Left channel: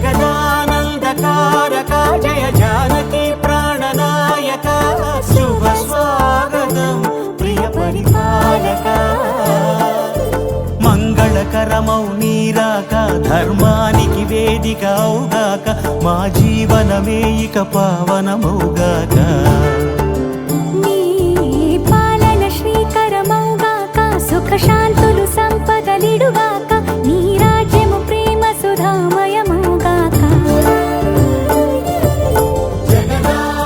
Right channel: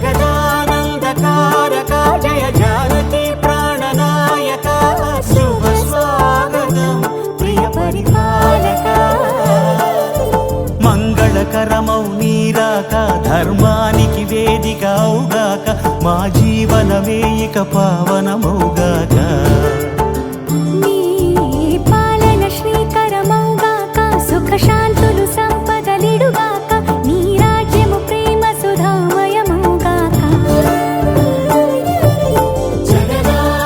జగదానందకారక జయ జానకి ప్రాణనాయక శుభ స్వాగతం ప్రియ పరిపాలక మంగళకరమౌ నీరాక ధర్మానికి వేదిక అవుగాక మా జీవనమే ఇక పావనమౌగాక నీ పాలన శ్రీకరమౌగాక సుఖ శాంతులు సంపదలిడుగాక నీ రాజ్యము ప్రేమ సుధామయమౌగాక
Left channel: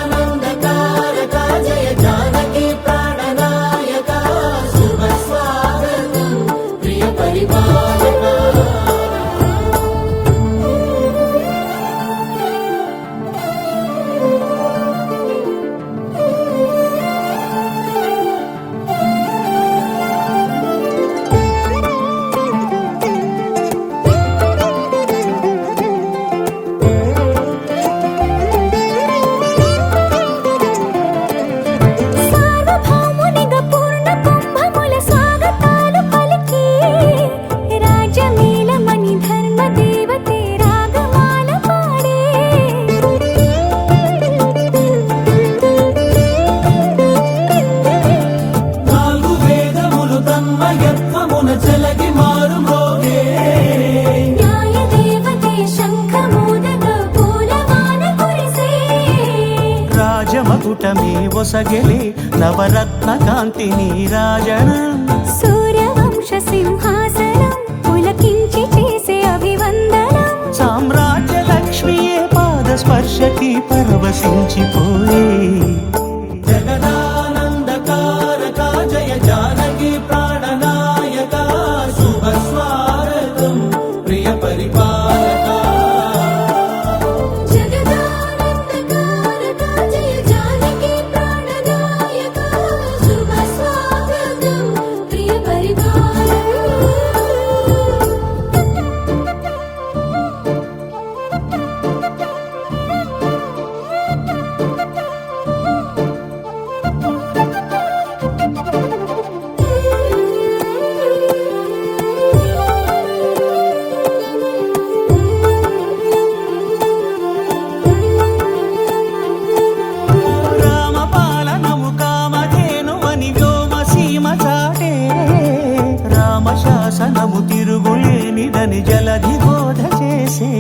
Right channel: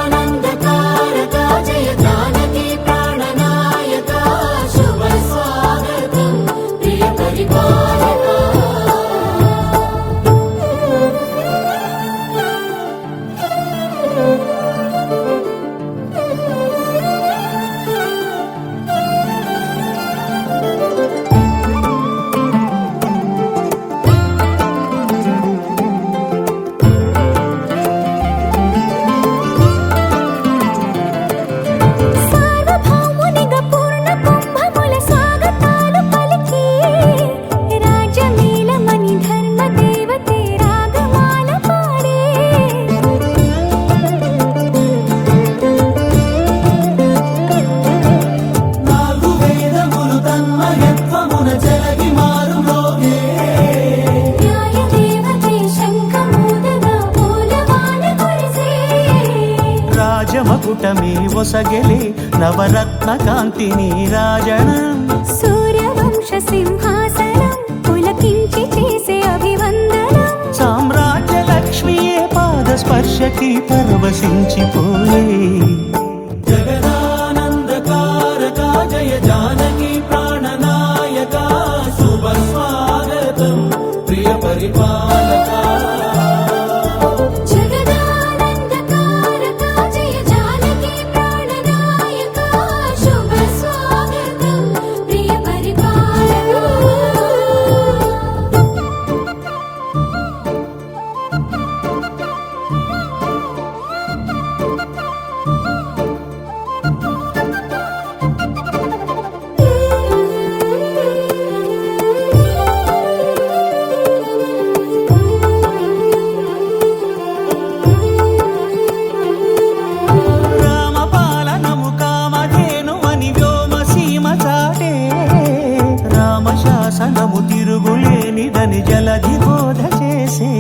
జగదానందకారక జయ జానకి ప్రాణనాయక శుభ స్వాగతం ప్రియ పరిపాలక సార్వభౌమునిగా పూర్ణ కుంభముల స్వాగతాలు పలికి రాజమేళమణి ధర్మ దేవతే రాగమాల పాడే నాలుగు వేదములు తన్మయత్వమున చెలగి మారుమోగే న్యాయ దేవతే శంఖమూదగా పూలమాల కురిసే రాజమకుటమే ఒసగెలే నవరత్న కాంతిని రాజనం సూర్యవంశ సింహాసనం పులకించి చేసే అభివందనం సామ్రాజ్య లక్ష్మియే పాద స్పర్శకి పరవశించిపోయే జగదానందకారక జయ జానకి ప్రాణనాయక శుభ స్వాగతం ప్రియ పరిపాలక జగదానందకారక జయ జానకి ప్రాణనాయక శుభ స్వాగతం ప్రియ రామపాలనము కామధేను అని వ్యోమసీమ చాటే రామశాసనము తిరుగులేనిదని జలధి బోధ చేసే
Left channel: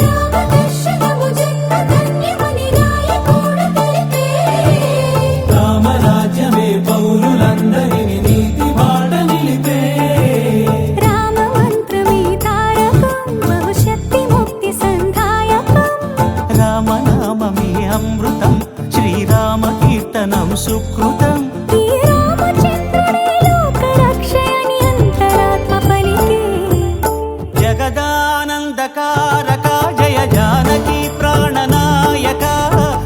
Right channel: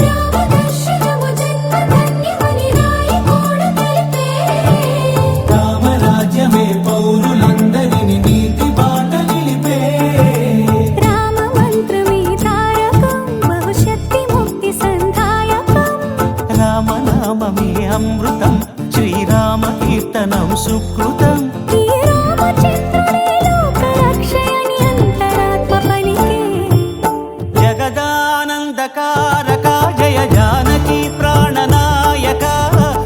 రామదర్శనము జన్మధన్యమని రాయకూడ తెలిపే రామరాజ్యమే పౌరులందరిని నీతి బాట నిలిపే రామ మంత్రమే తారకం బహుశక్తి ముక్తి సంధాయకం రామనామమే అమృతం శ్రీరామ కీర్తనం సుకృతం ఈ రామచంద్రుడే లోక రక్షయని అంతరాత్మ పలికే జగదానందకారక జయ జానకి ప్రాణనాయక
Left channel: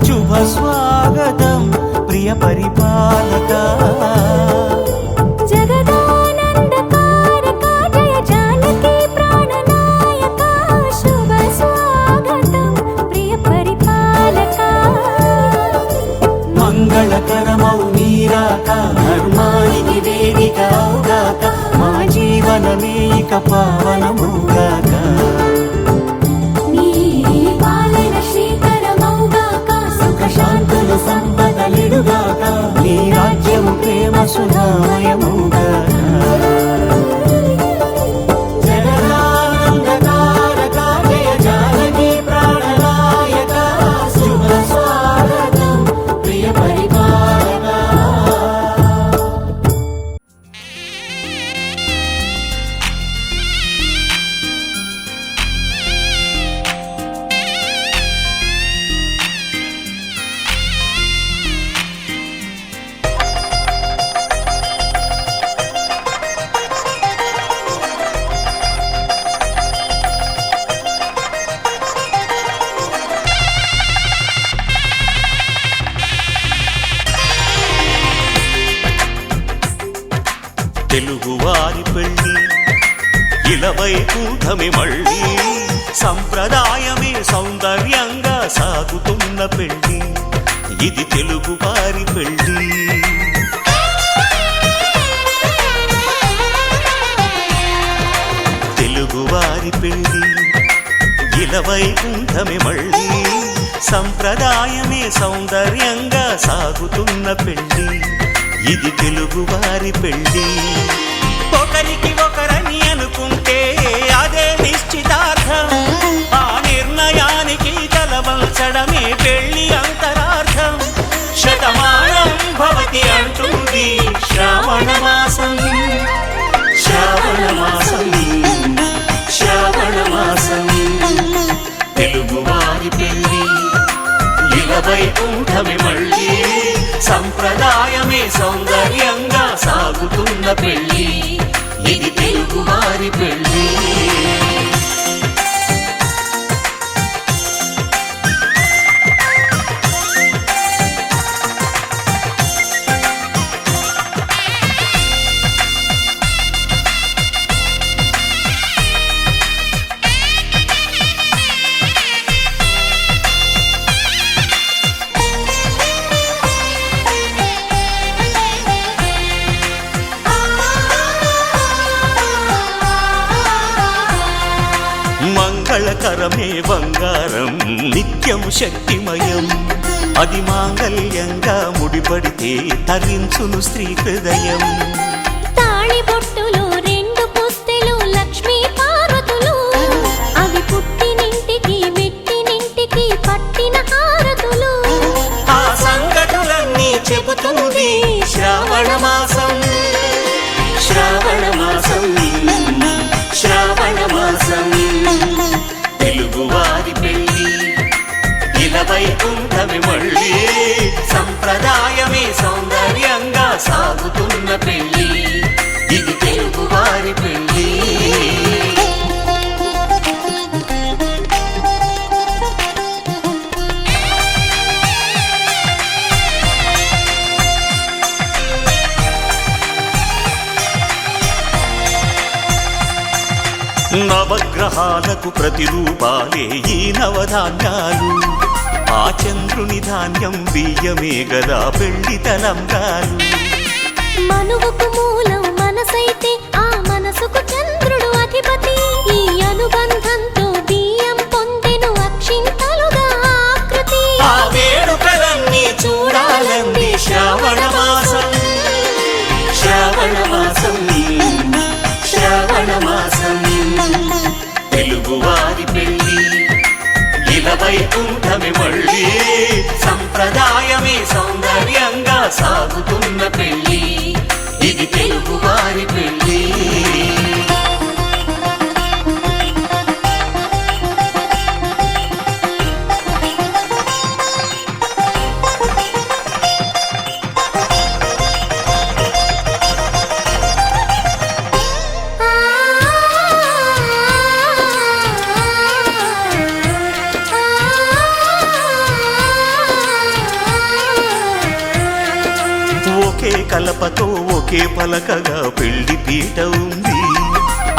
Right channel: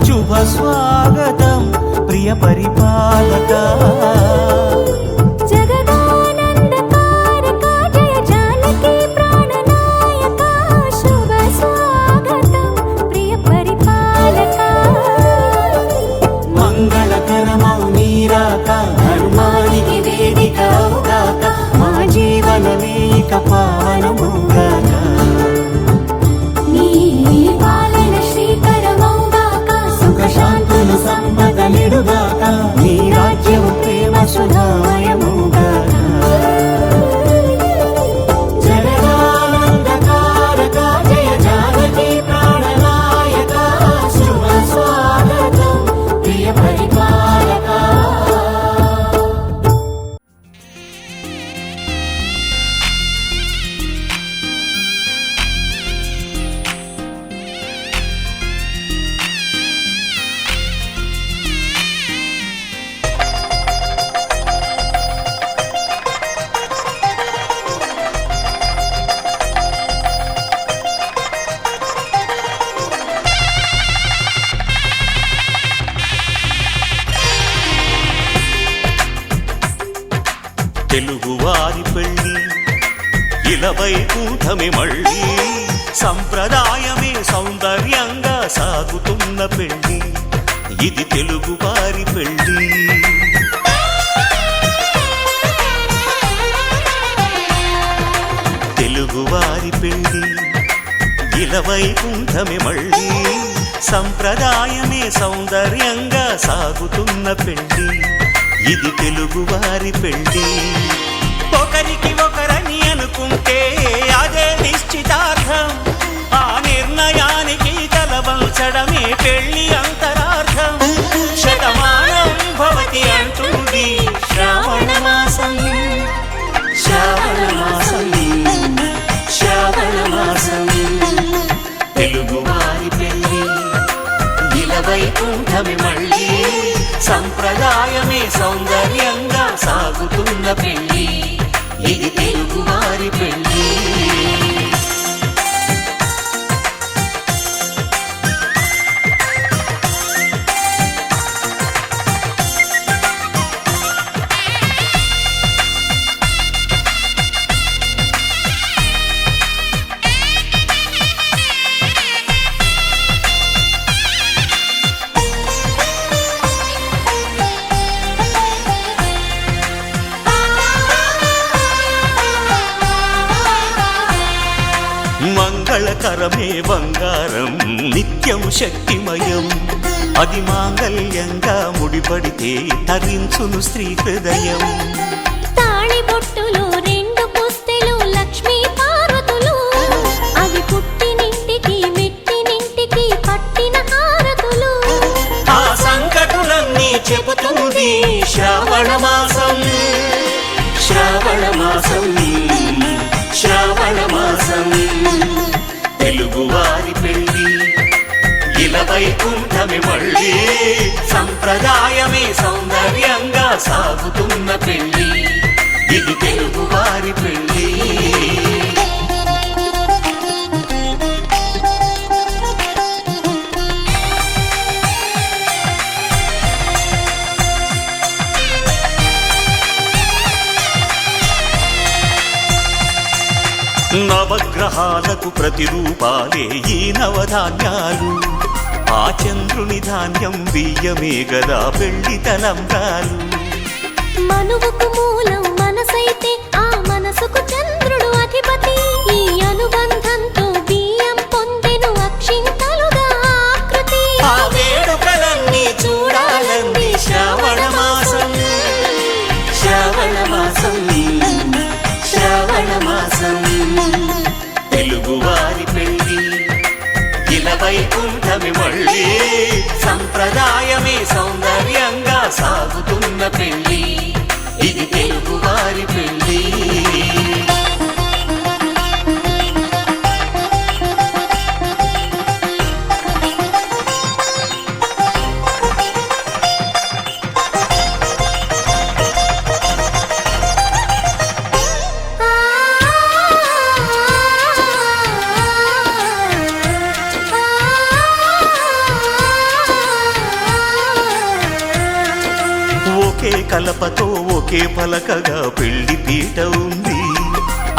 శుభ స్వాగతం ప్రియ పరిపాలక జగదానందకారక జయ జానకి ప్రాణనాయక శుభ స్వాగతం ప్రియ పరిపాలక మంగళకరమౌ నీరాక ధర్మానికి వేదిక అవుగాక మా జీవనమే ఇక పావనమౌగాక నీ పాలన శ్రీకరమౌగాక సుఖ శాంతులు సంపదలిడుగాక నీ రాజ్యము ప్రేమ సుధామయమౌగాక జగదానందకారక జయ జానకి ప్రాణనాయక శుభ స్వాగతం ప్రియ పరిపాలక తెలుగువారి పెళ్ళి ఇలవైకుంఠమే మళ్ళీ సంప్రదాయమే సౌందర్యంగా సాగుతున్న పెళ్ళి ఇది తెలుగువారి పెళ్ళి తెలుగువారి పెళ్లి ఇలవైకుంఠమే మళ్ళీ సంప్రదాయమే సౌందర్యంగా సాగుతున్న పెళ్లి ఇది తెలుగువారి పెళ్లి ఒకరికి ఒకరని అనుకుంటే అదే నిశ్చితార్థం ఆ నిర్ణయానికి తలవంచడమే పెళ్లి అంతరార్థం శతమానం భవతి అంటుంది శ్రావణ మాసం శ్రావణ మాసం శ్రావణ మాసం తెలుగువారి పెళ్లి ఇలవైకుంఠమే మళ్ళీ సంప్రదాయమే సౌందర్యంగా సాగుతున్న పెళ్లి ఇది తెలుగువారి పెళ్లి మంగళకరమే బంగారం నిత్యం శక్తిమయం అది మాంగళ్యంగా ముడిపడితే తరించును స్త్రీ హృదయం తాళిబొట్టులు రెండు పుస్తెలు లక్ష్మీ పార్వతులు అవి పుట్టినింటికి మెట్టినింటికి పట్టిన హారతులు ఆ సంకటులన్నీ చెబుతుంది శ్రావణ మాసం శ్రావణ మాసం శ్రావణ మాసం తెలుగువారి పెళ్లి ఇలవైకుంఠమే మళ్ళీ సంప్రదాయమే సౌందర్యంగా సాగుతున్న పెళ్లి ఇది తెలుగువారి పెళ్లి నవగ్రహాలకు ప్రతిరూపాలే ఈ నవధాన్యాలు ఆ చంద్రుని ధాన్యం బియ్యమే గదా పెళ్లి తలంబ్రాలు మనువుకు మూలం మనసైతే ఆ మనసుకు చంద్రుడు అధిపతి ఈ అనుబంధంతో బియ్యం పొందెను అక్షింతలుగా ఆకృతి ఆ వేడుకలన్నీ చూడాలంది శ్రావణ మాసం శ్రావణ మాసం శ్రావణ మాసం తెలుగువారి పెళ్లి ఇలవైకుంఠమే మళ్ళీ సంప్రదాయమే సౌందర్యంగా సాగుతున్న పెళ్లి ఇది తెలుగువారి పెళ్లి ఒకే కలపతో ఒకే పలకగా పెళ్లి పీట ఉంది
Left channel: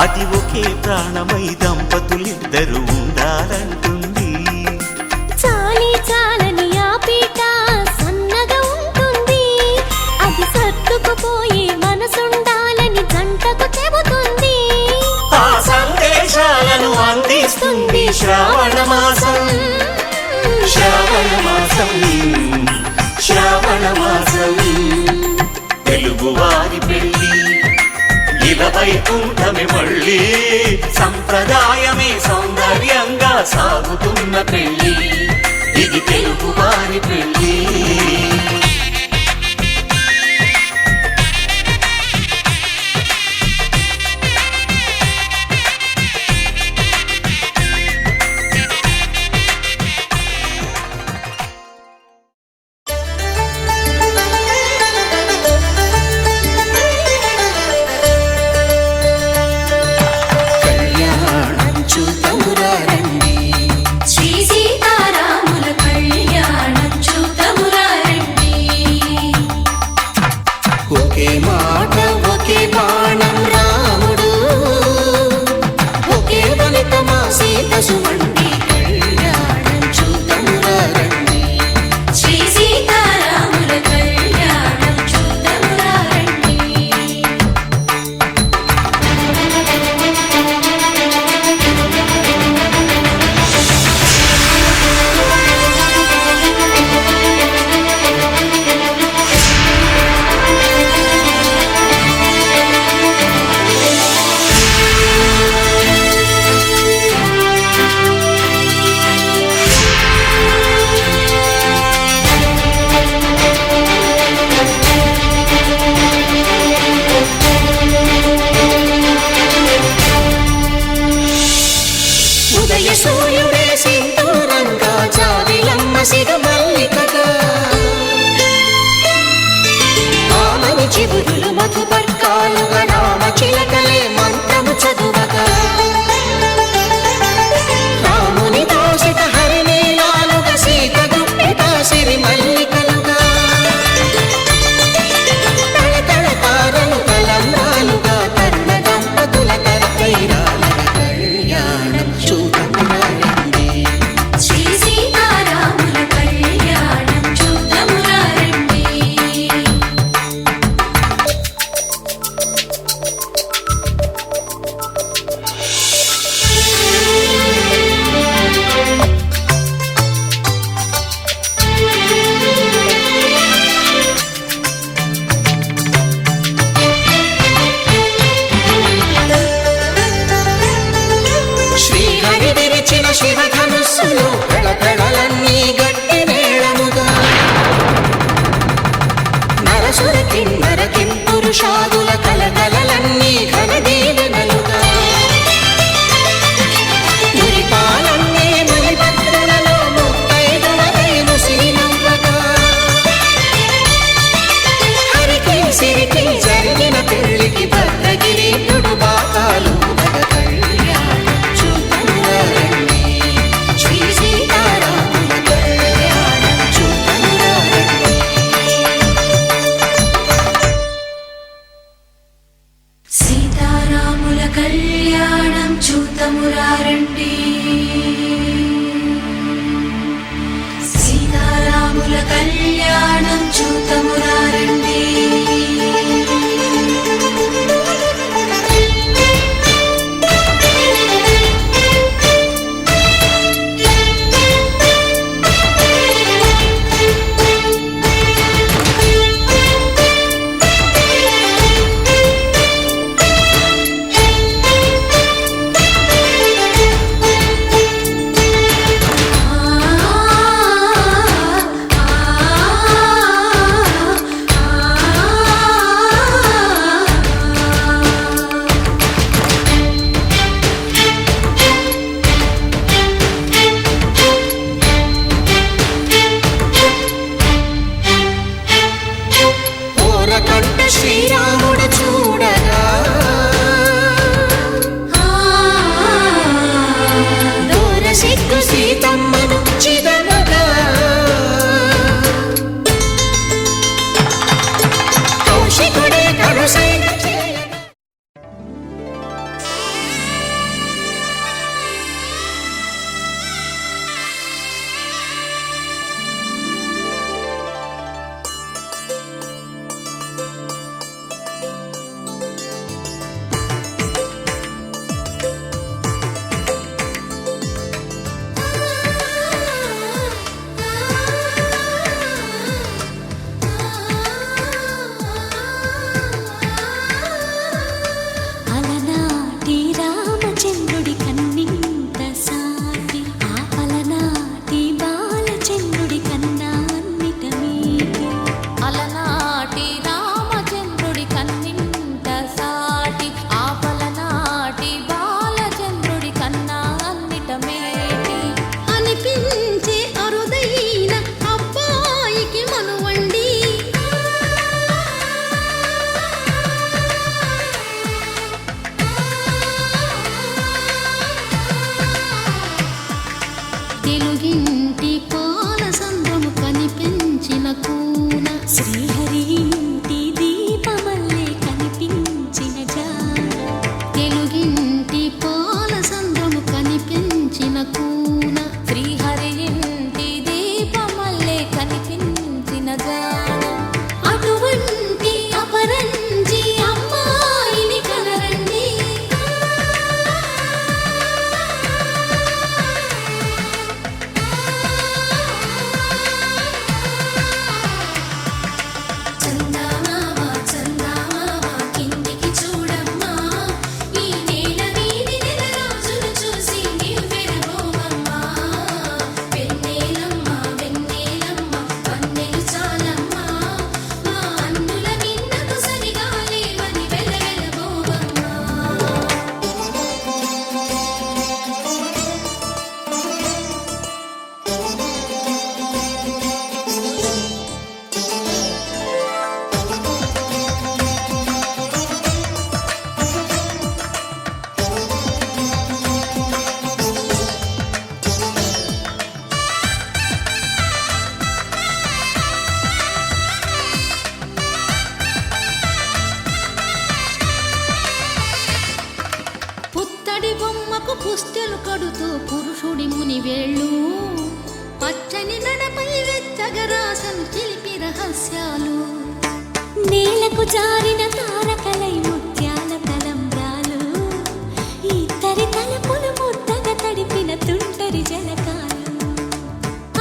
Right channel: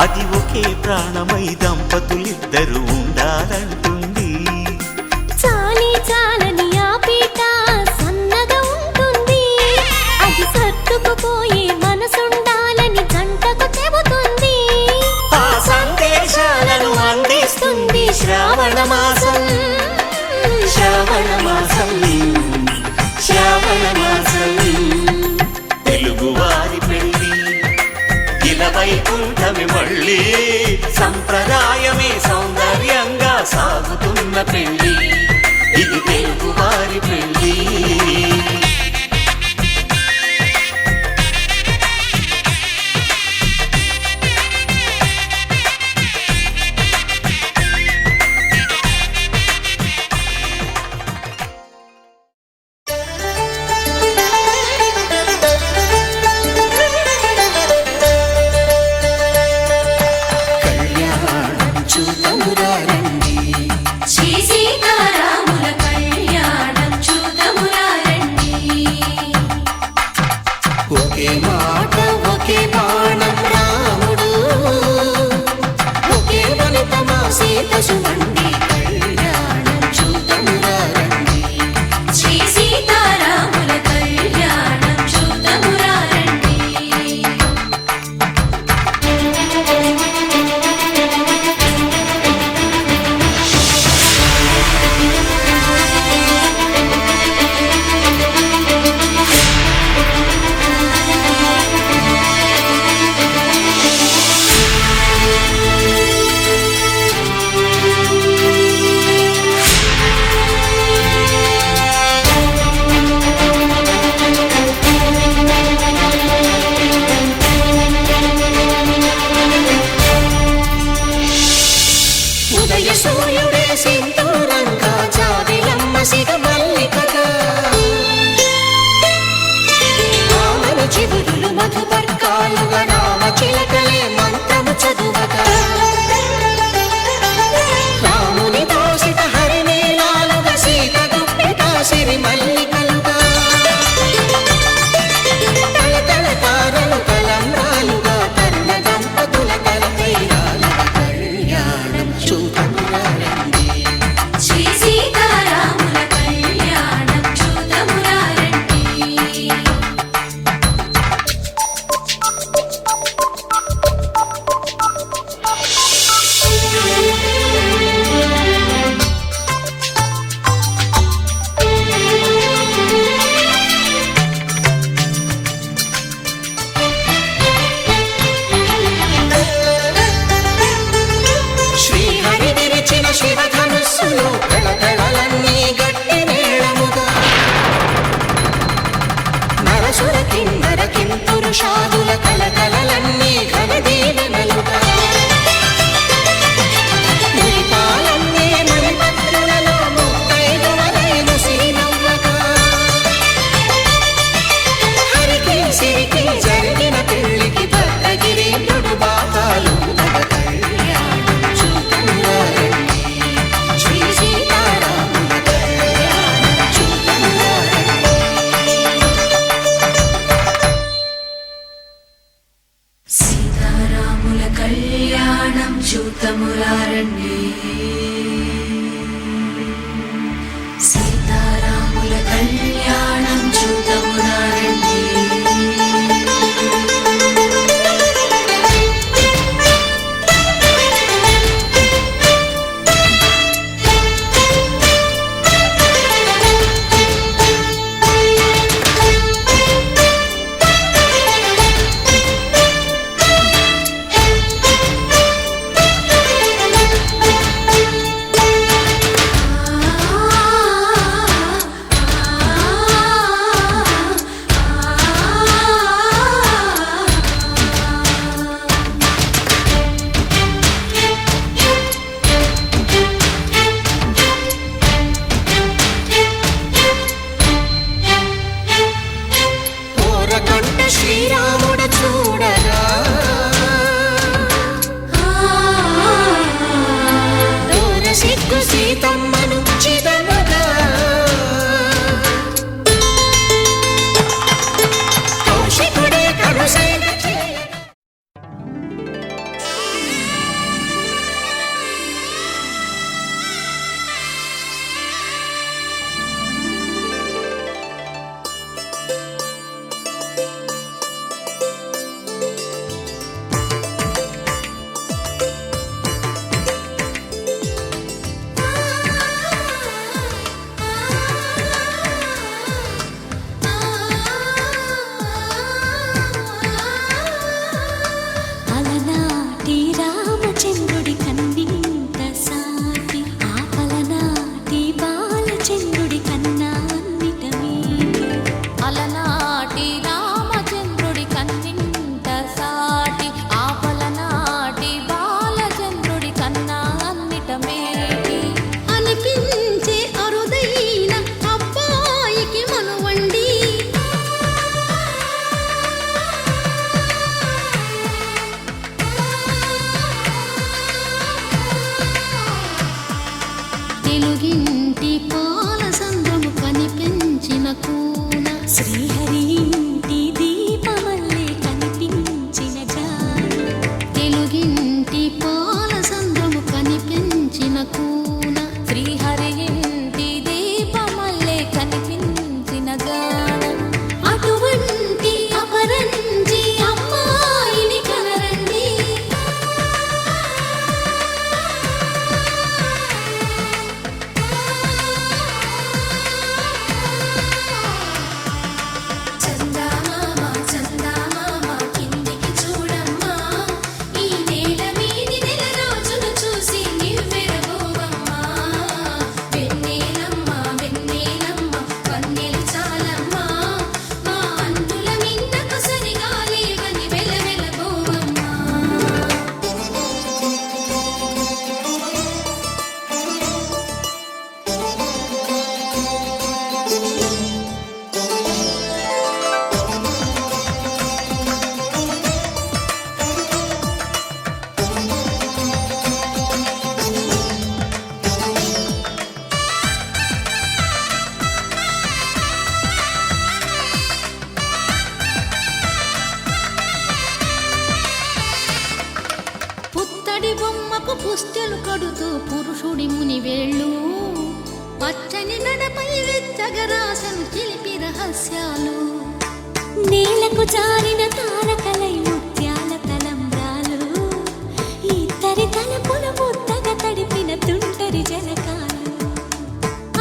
అది ఒకే ప్రాణమై దంపతులిద్దరు ఉండాలంటుంది చాలి చాలని ఆ పీట సన్నగా ఉంటుంది అది సర్దుకుపోయే మనసుండాలని జంటకు చెబుతుంది ఆ సందేశాలను అందిస్తుంది శ్రావణ మాసం శ్రావణ మాసం శ్రావణ మాసం తెలుగువారి పెళ్లి ఇలవైకుంఠమే మళ్ళీ సంప్రదాయమే సౌందర్యంగా సాగుతున్న పెళ్లి ఇది తెలుగువారి పెళ్లి చూతమురారండి శ్రీ సీతారాముల కళ్యాణం చూతమురారండి ఒకే మాట ఒకే బాణం రాముడు ఒకే వనిత మా సీత సుమండి కళ్యాణం చూతమురారండి శ్రీ సీతారాముల కళ్యాణం చూతమురారండి సింధూరంగా జాబిలమ్మ సిగ మల్లికగా ఆమని చివురులు మధుపర్కాలుగా రామ చిలకలే మంత్రము చదువగా రాముని దోసిట హరినీలాలుగా సీత గుప్పిట సిరి మల్లికలుగా తళతళ తారలు తలంబ్రాలుగా తరుణ దంపతుల తలపైరాలగా కళ్యాణం చూతమురా రండి. శ్రీ సీతారాముల కళ్యాణం చూద్దామురా రండి. శ్రీహరి విరిచిన శివధనుస్సులో పెళపెళలన్నీ గట్టి మేళముగా నరసుర కిన్నర కింపురుషాదుల కలకలలన్నీ ఘన దీవెనలుగా మురిపాలన్నీ మణిపత్రులలో ముత్తైదువలై ముసిరి నవ్వగా హరికి సిరికి జరిగిన పెళ్లికి భద్రగిరీంద్రుడు బాకాలు కళ్యాణం చూతమురా రండి. శ్రీ సీతారాముల కళ్యాణం చూతమురా రండి. సీతారాముల కళ్యాణం చూద్దామురా రండి. సీతారాముల కళ్యాణం చూద్దామురా రండి. ఓరకంట శ్రీరాముడు చూడగా దూర సిగ్గు సీతమ్మను చిదమగా కౌశికుడే కరుసైన చేయగా అలనాటి రామచంద్రుడి కన్నింత సాటి ఆపలనాటి బాలచంద్రుడి కన్నా అన్నిట మీటి. అలనాటి రామచంద్రుడి కన్నింత సాటి ఆపలనాటి బాలచంద్రుడి కన్నా అన్నిట మేటి. అనిపించే అరుదైన అబ్బాయికి మనువండి తెలుగింటి పాల సంద్రము కనిపించిన కూన శ్రీహరి ఇంటి దీపమల్లే కనిపించిన జాడ. తెలుగింటి పాల సంద్రము కనిపించిన కూన శ్రీహరి ఇంటి దీపమల్లే కనిపించిన జాడ. అటువంటి అపరంజి అమ్మాయిని కనరండి. చందమామ చందమామ కిందికి చూడమ్మా, ఈ నేల వీడి నెల రోజులు చూసి నీవు పెరగోవమ్మ. పుత్తడి బొమ్మకు పుస్తెలు కడుతూ పురుషుడి ముని వేళ్ళు పచ్చని నడపై వెచ్చగరాసను చిలిపి రహస్యాలు నేలకు జారిన తారకలై ముత్యాల తలంబ్రాలు ఇద్దరి తలపులు ముద్దగా తడిపిన తుంటరి జలకాలు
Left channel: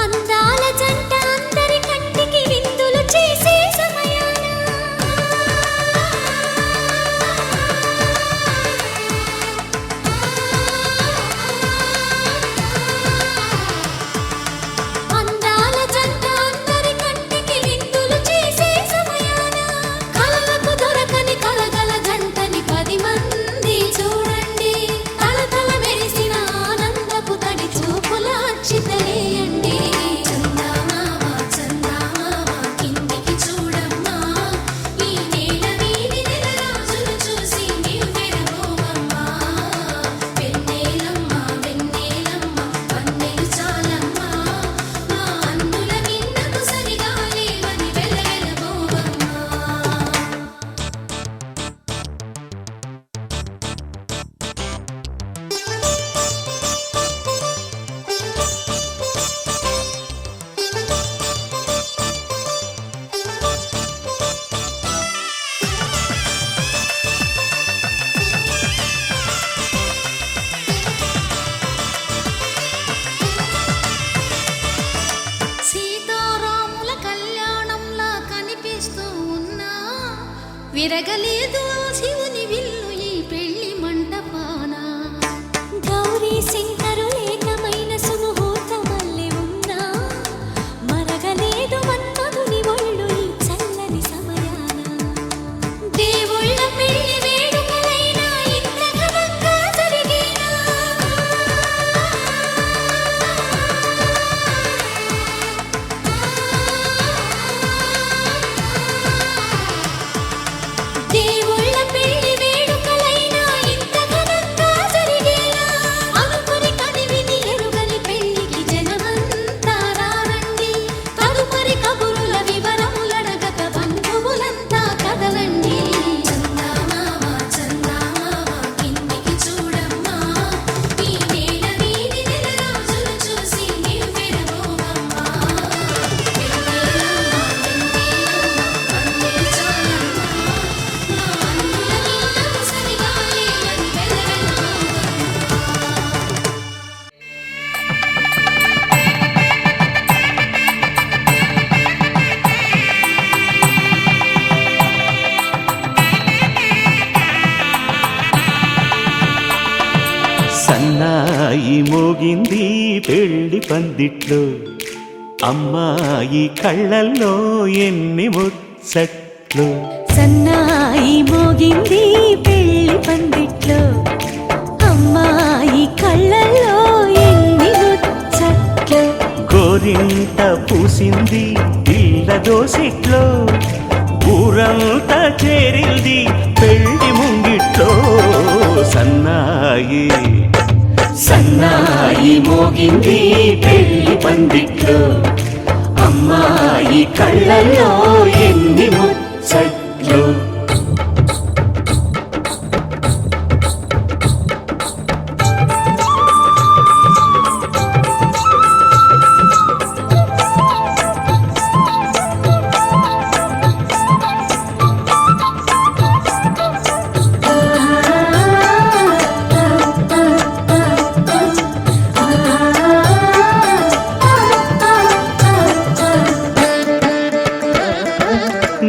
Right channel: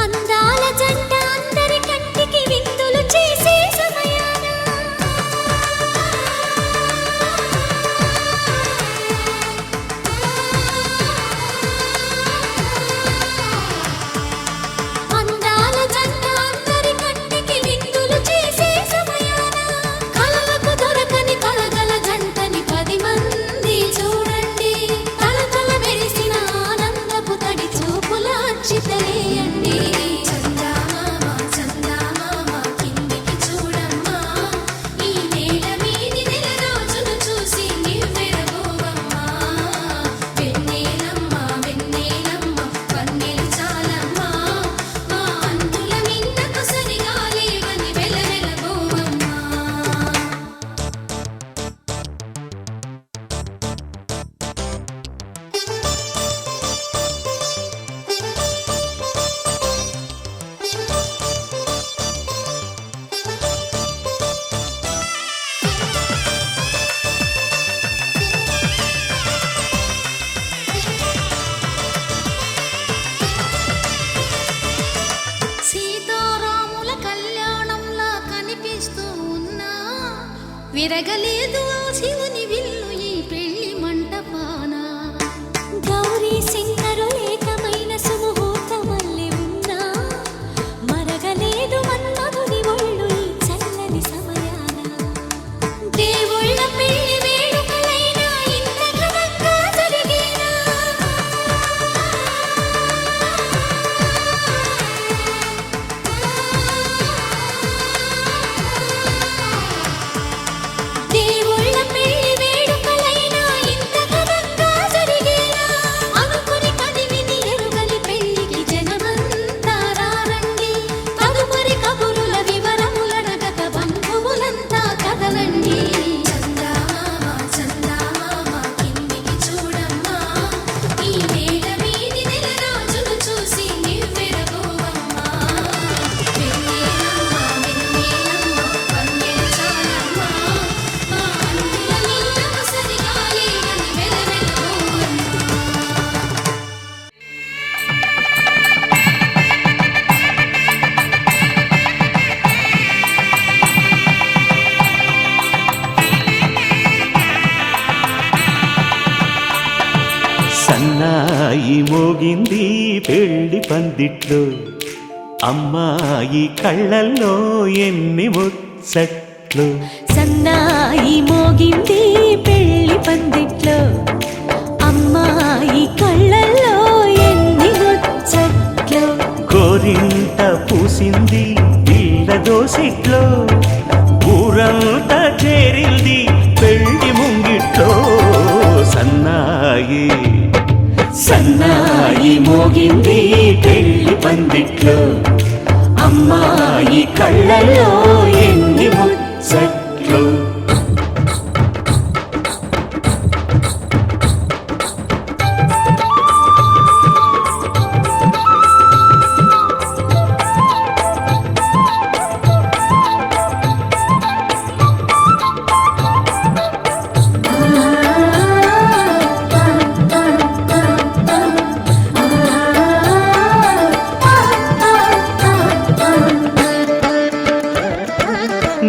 అందాల జంట అందరి కంటికి విందులు చేసే సమయాన అందాల జంట అందరి కంటికి విందులు చేసే సమయాన కలలకు దొరకని కలగల జంటని 10 మంది చూడండి తలతల మెరిసిన ఆనందపు తడి చూపుల అచ్చితలేయండి సీతారాముల కళ్యాణంలా కనిపిస్తూ ఉన్నా విరగలేదు ఆ శివుని విల్లు ఈ పెళ్లి మంటపాన గౌరీ శంకరులేకమైన సుముహూర్తమల్లె ఉన్నా మరగలేదు మన్మధుని ఒళ్ళు ఈ చల్లని సమయాన దేవుళ్ళ పెళ్లి వేడుకలైనా ఇంత ఘనంగా జరిగేనా దేవుళ్ళ పెళ్లి వేడుకలైనా ఇంత ఘనంగా జరిగేలా అనుకుని కదివిని ఎరుగని పెళ్లికి జనమంతా రారండి తదుపరి కబురుల వివరములడగక బంధువులంతా కదలండి సన్నాయి మోగింది పెళ్లి పందిట్లో అమ్మాయి కళ్ళల్లో ఎన్ని ముచ్చట్లు సన్నాయి మోగింది పెళ్లి పందిట్లో అమ్మాయి కళ్ళల్లో ఎన్ని ముచ్చట్లు గోరింట పూసింది పిల్ల దోసిట్లో ఊరంతా చేరింది పెళ్లి ముంగిట్లో సన్నాయి సన్నాయి మోగింది పెళ్లి పందిట్లో అమ్మాయి కళ్ళల్లో ఎన్ని ముచ్చట్లు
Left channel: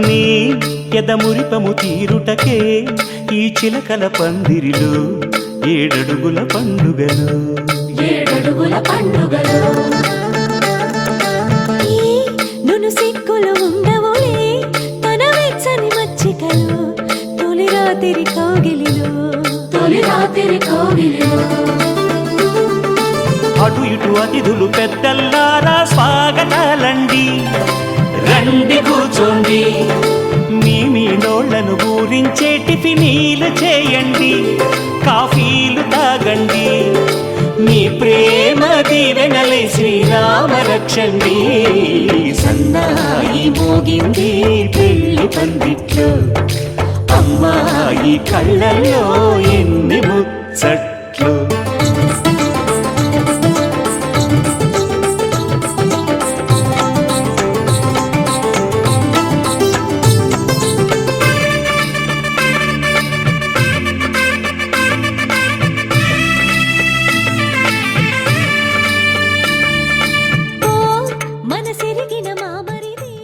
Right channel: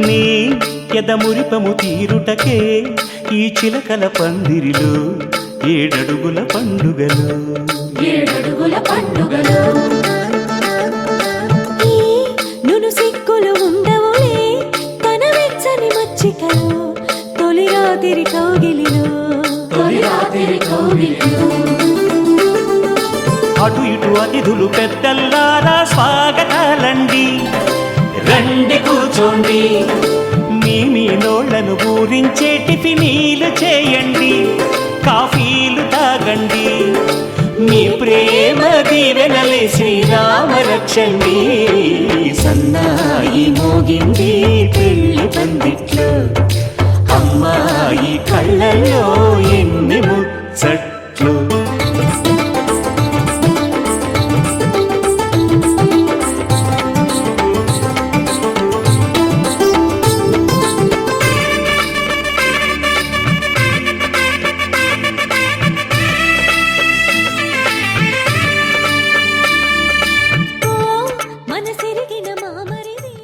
నీ ఎదమురిపము తీరుటకే ఈ చిలకల పందిరిలో 7 అడుగుల పండుగలు ఈ నును సిక్కులు ఉండవులే తన వెచ్చని మచ్చికలు తొలి రాత్రి కోగిలిలో అటు ఇటు అతిథులు పెద్దల్లారా స్వాగతాలండి రండి కూర్చోండి మీ నోళ్లను ఊరించే టిఫినీలు చేయండి కాఫీలు తాగండి మీ ప్రేమ దీవెనలే శ్రీరామ రక్షండి సన్నాయి మోగింది పెళ్లి పందిట్లో అమ్మాయి కళ్ళల్లో ఎన్ని ముచ్చట్లు మెట్లు. ఓ మనసిరిగిన మామరిది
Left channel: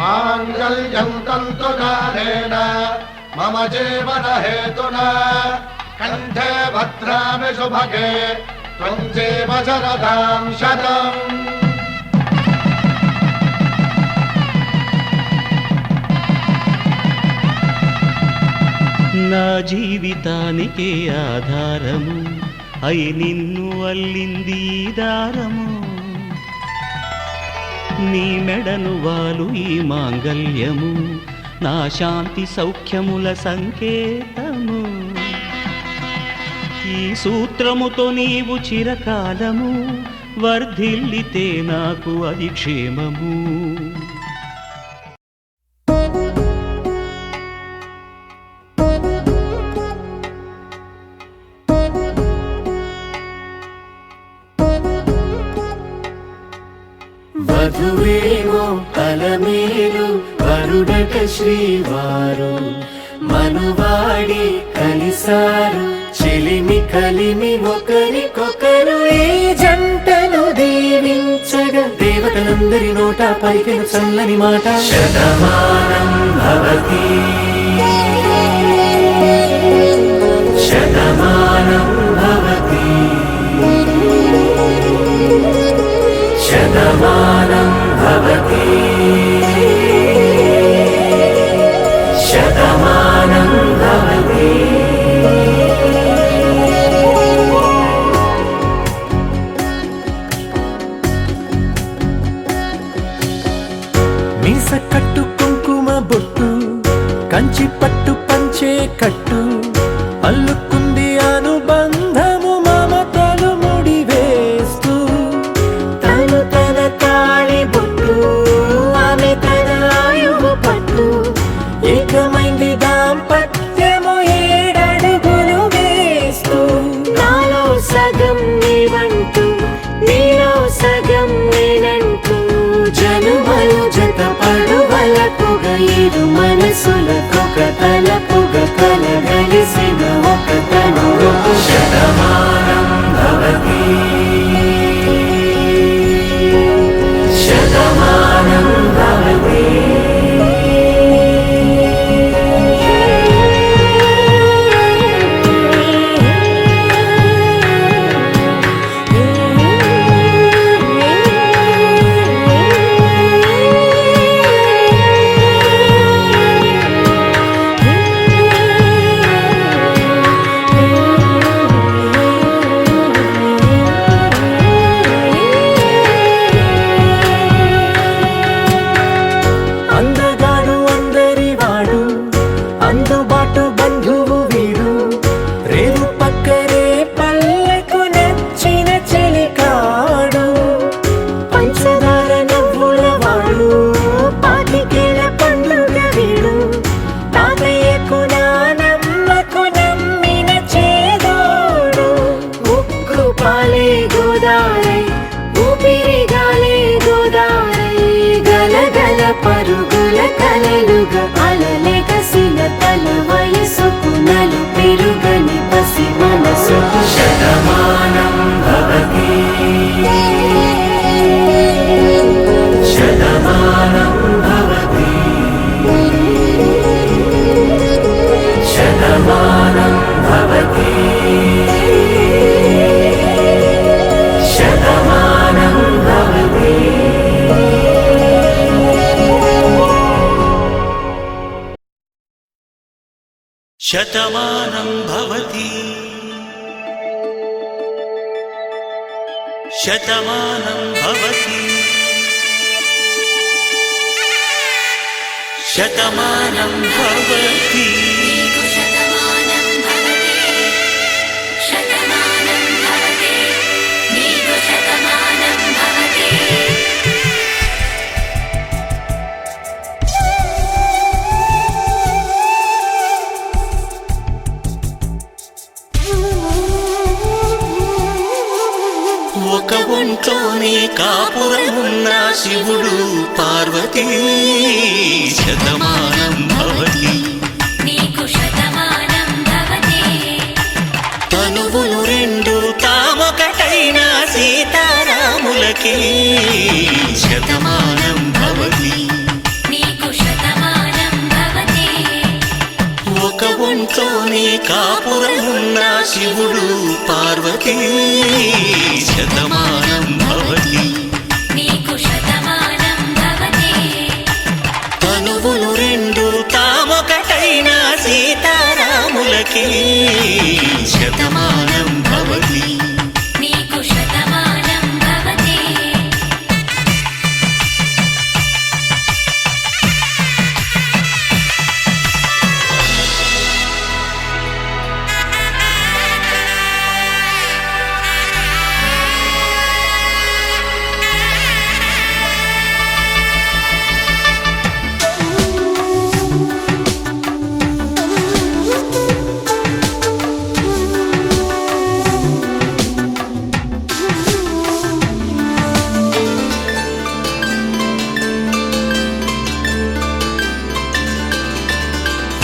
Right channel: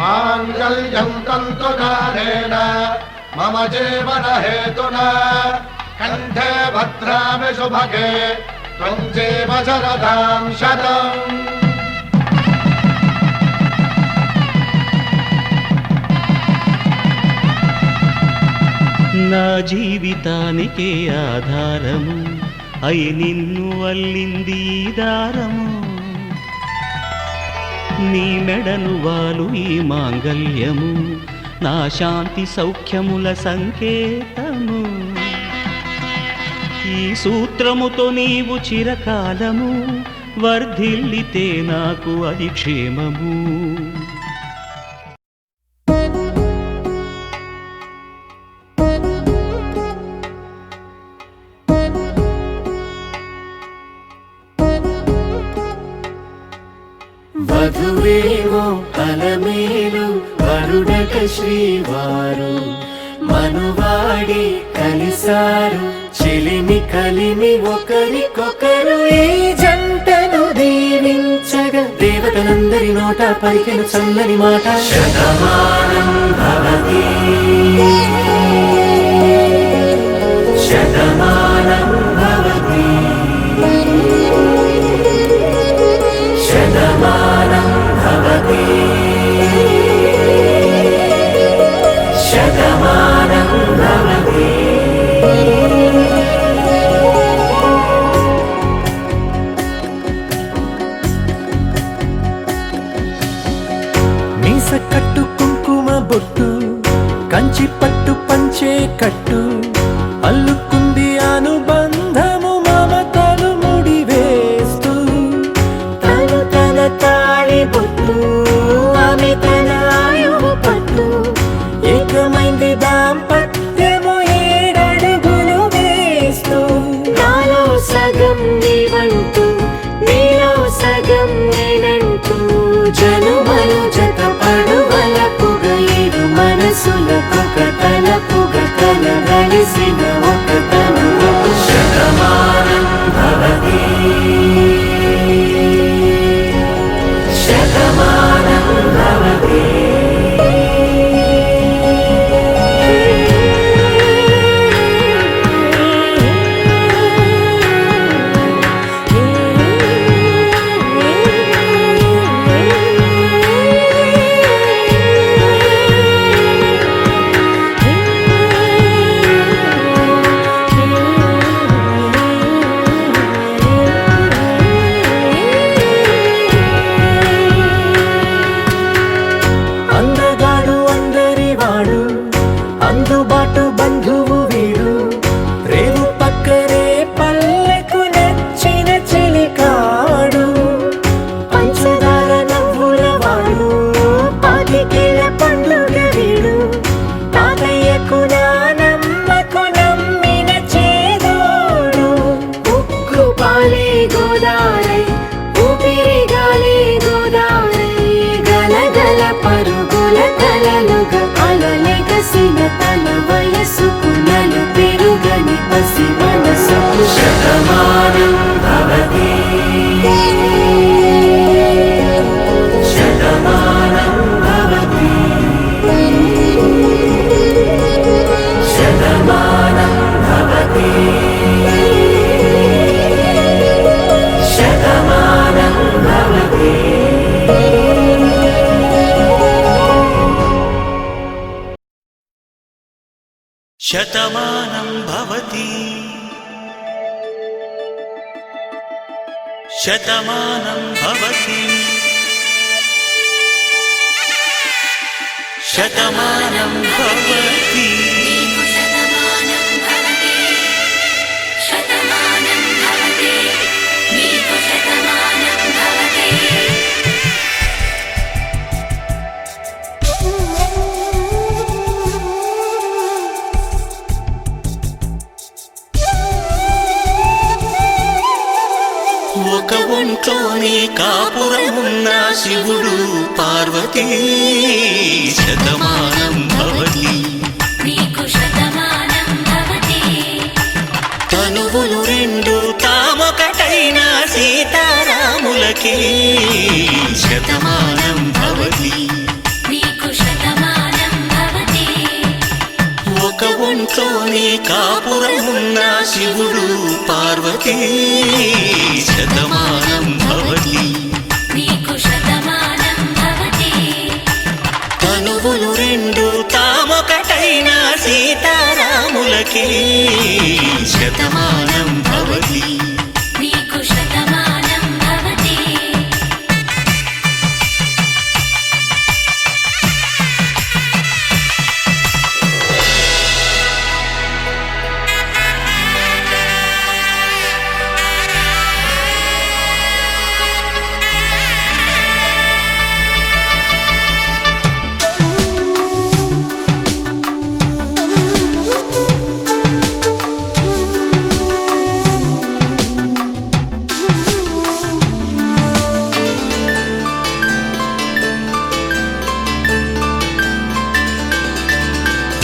మాంగళ్యం తంతునానేన మమ జీవన హేతునా కంఠే భద్రామి శుభగే త్వం జీవ శరదాం శతం. నా జీవితానికే ఆధారము అయి నిన్ను అల్లింది ఈ దారము. నీ మెడను వాలు ఈ మాంగల్యము నా శాంతి సౌఖ్యముల సంకేతము. ఈ సూత్రముతో నీవు చిరకాలము వర్ధిల్లితే నాకు అది క్షేమము. వధువేమో అలమేలు వరుడట శ్రీవారు మనువాడి కలిసారు చెలిమి కలిమి ఒకరికొకరు ఈ జంటను దీవించగా దేవతలందరి నోట పలికిన చల్లని మాట శతమానం భవతి శతమానం భవతి శతమానం భవతి శతమానం భవతి. మీస కట్టు కుంకుమ బొట్టు కంచి పట్టు పంచే కట్టు అల్లుకుంది అనుబంధము మమతలు ముడివేస్తూ తను తన తాళి బొట్టు ఆమె తన ఆయువు పట్టు ఏకమైంది దాంపత్యము 7 అడుగులు వేస్తూ నాలో సగం నీవంటూ నీలో సగం నేనంటూ జనుమలు జత పడువలపుగ ఇరు మనసులకొక తలపుగ కలగలిసిన ఒక తను శతమానం భవతి శతమానం భవతి. అందగాడు అందరి వాడు అందుబాటు బంధువు వీడు రేవు పక్కరే పల్లెకు నచ్చిన చెలికాడు పంచదార నవ్వుల వాడు పాతికేల పండుగ వీడు తాతయ్యకు నానమ్మకు నమ్మిన చేదోడు ఉక్కు పాలే గోదారై ఊపిరి గాలే గోదారై గలగల పరుగుల కలలుగా అలలెగసిన తన వయసుకు నలు పెరుగని పసి మనసుకు శతమానం భవతి శతమానం భవతి శతమానం భవతి శతమానం భవతి. శతమానం భవతి శతమానం భవతి శతమానం భవతి. ఒక ఒంట్లోనే కాపురమున్న శివుడు పార్వతీ శతమానం భవతి నీకు శతమానం భవతి తనువులు రెండు తామొకటైన సీతారాములకి శతమానం భవతి నీకు శతమానం భవతి ఒక ఒంట్లోనే కాపురమున్న శివుడు పార్వతీ శతమానం భవతి నీకు శతమానం భవతి తనువులు రెండు తామొకటైన సీతారాములకి శతమానం భవతి నీకు శతమానం భవతి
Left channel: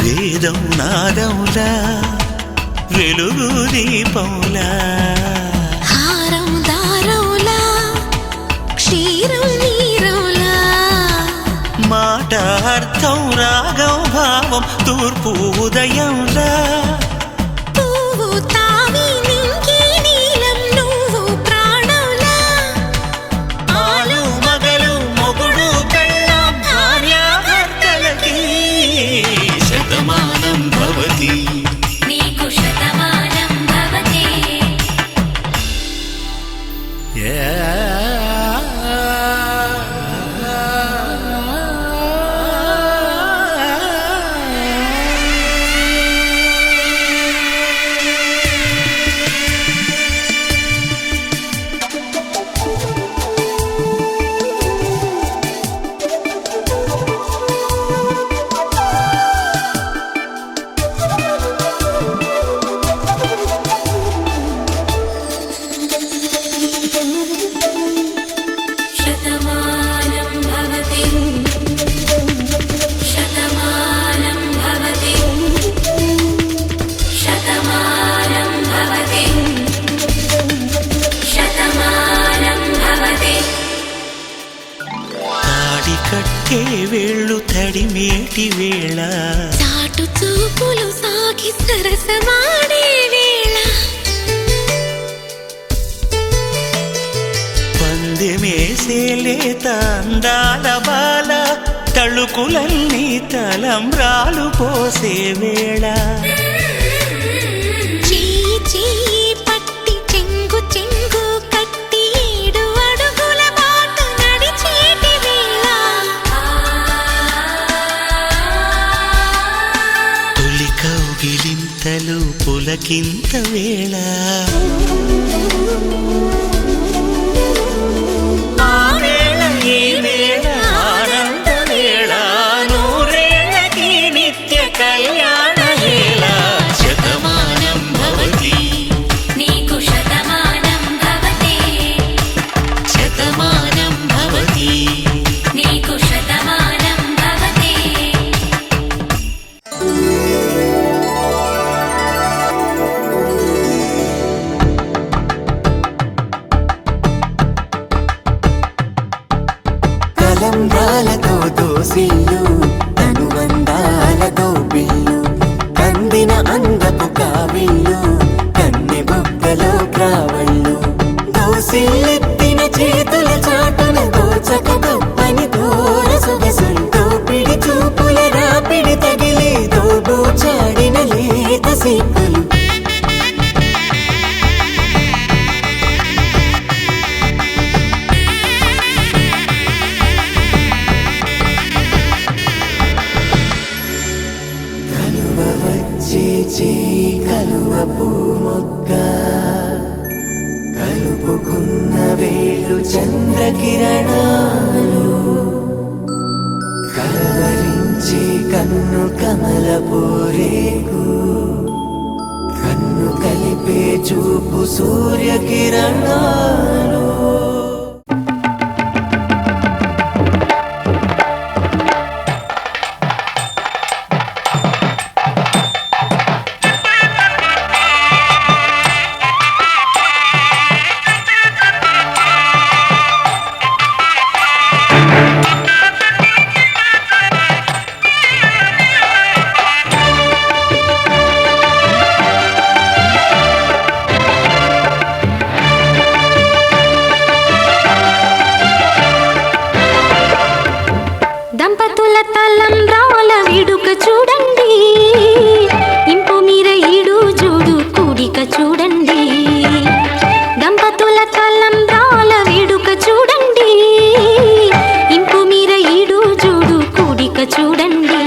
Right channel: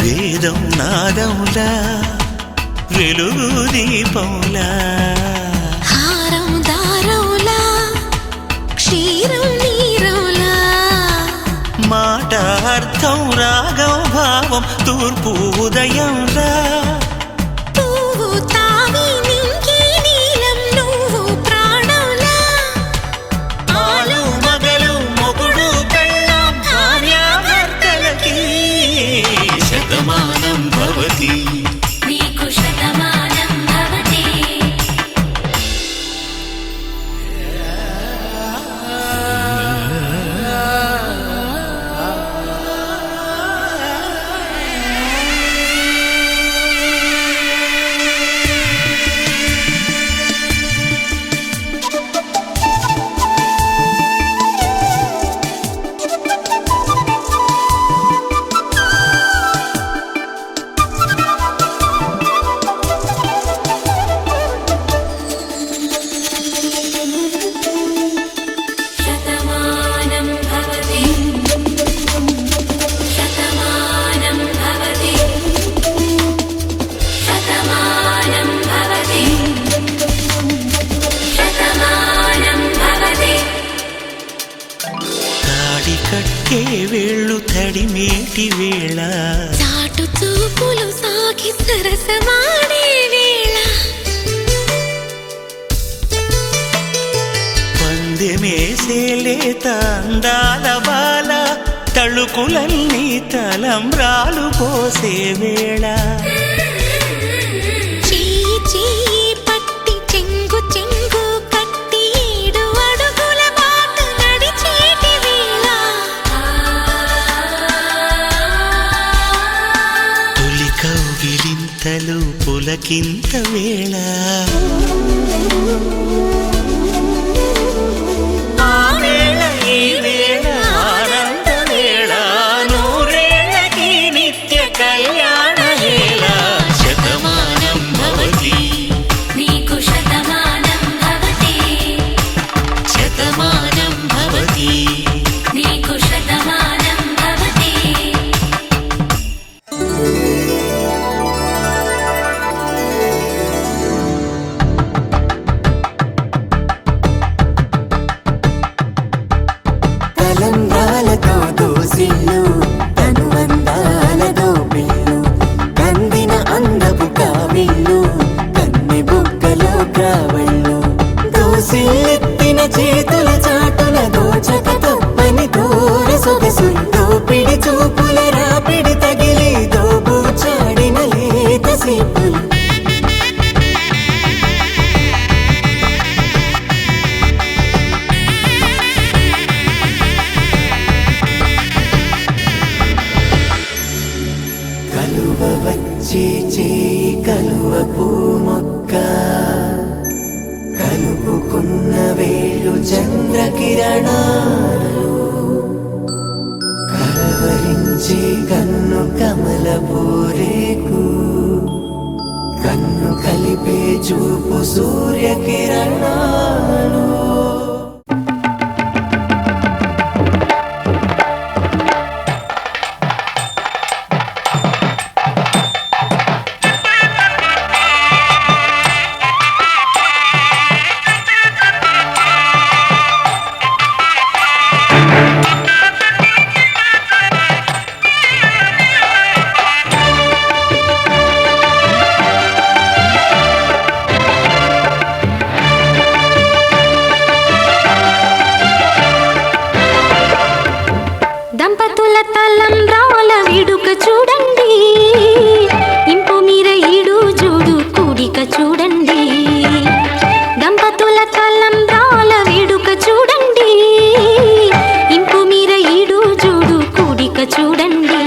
వేదం నాదంలా వెలుగు దీపంలా హారం దారంలా క్షీరం నీరంలా మాట అర్థం రాగం భావం తూర్పు ఉదయంలా పువ్వు తావి నింగి నీలం నువ్వు ప్రాణంలా ఆలు మగలు మొగుడు పెళ్ళాం భార్యాభర్తలకి శతమానం భవతి నీకు శతమానం భవతి శతమానం భవతి శతమానం భవతి శతమానం భవతి శతమానం భవతి తాడి కట్టే వేళ్ళు తడిమేటి వేళ చాటు చూపులు సాగి సరసమాడే వేళ పందెమేసే లేత అందాల బాల తళుకులన్నీ తలంబ్రాలు పోసే వేళ చెయ్యి చెయ్యి పట్టి చెంగు చెంగు కట్టి 7 అడుగుల బాట నడిచేటి వేళ తొలి కౌగిలింతలు పులకింత వేళ ఆ వేళ ఈ వేళ ఆనంద వేళ నూరేళ్ళకి నిత్య కళ్యాణ వేళ శతమానం భవతి నీకు శతమానం భవతి శతమానం భవతి నీకు శతమానం భవతి కలంబ్రాలతో దోసిల్లు అనుబంధాలతో పిల్లు అందిన అందపు కావిళ్ళు కన్ని బుగ్గలో క్రావళ్ళు దోసిల్లెత్తిన చేతుల చాటున దోచక తప్పని దూర సొగసులు దోపిడి చూపుల రాపిడి తగిలి దోబూచాడిన లేత సీపులు కలువ వచ్చే చేయి కలువ పూ మొక్క కలుపుకున్న వేలు చంద్రకిరణాలు కలవరించే కన్ను కమల పూరేకు కన్ను కలిపే చూపు సూర్యకిరణాలు దంపతుల తలంబ్రాల వేడుక చూడండి, ఇంపు మీర ఈడు జోడు కూడిక చూడండి. దంపతుల తలంబ్రాల వేడుక చూడండి, ఇంపు మీర ఈడు జోడు కూడిక చూడండి.